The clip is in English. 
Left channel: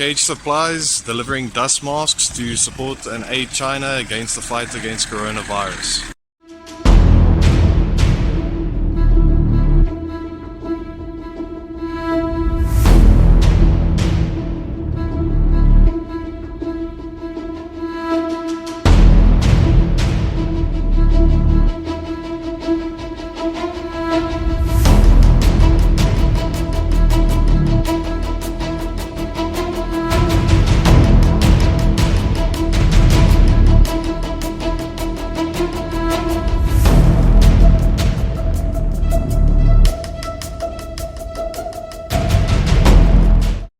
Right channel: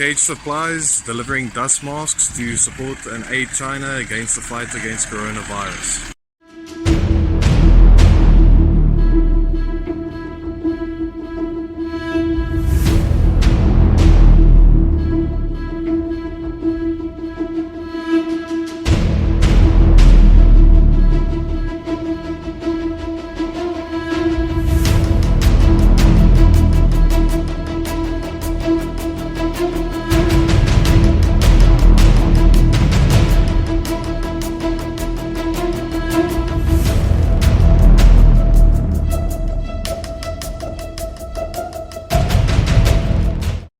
Jacage Supplies, delivering dust masks to support and aid China against the fight against coronavirus.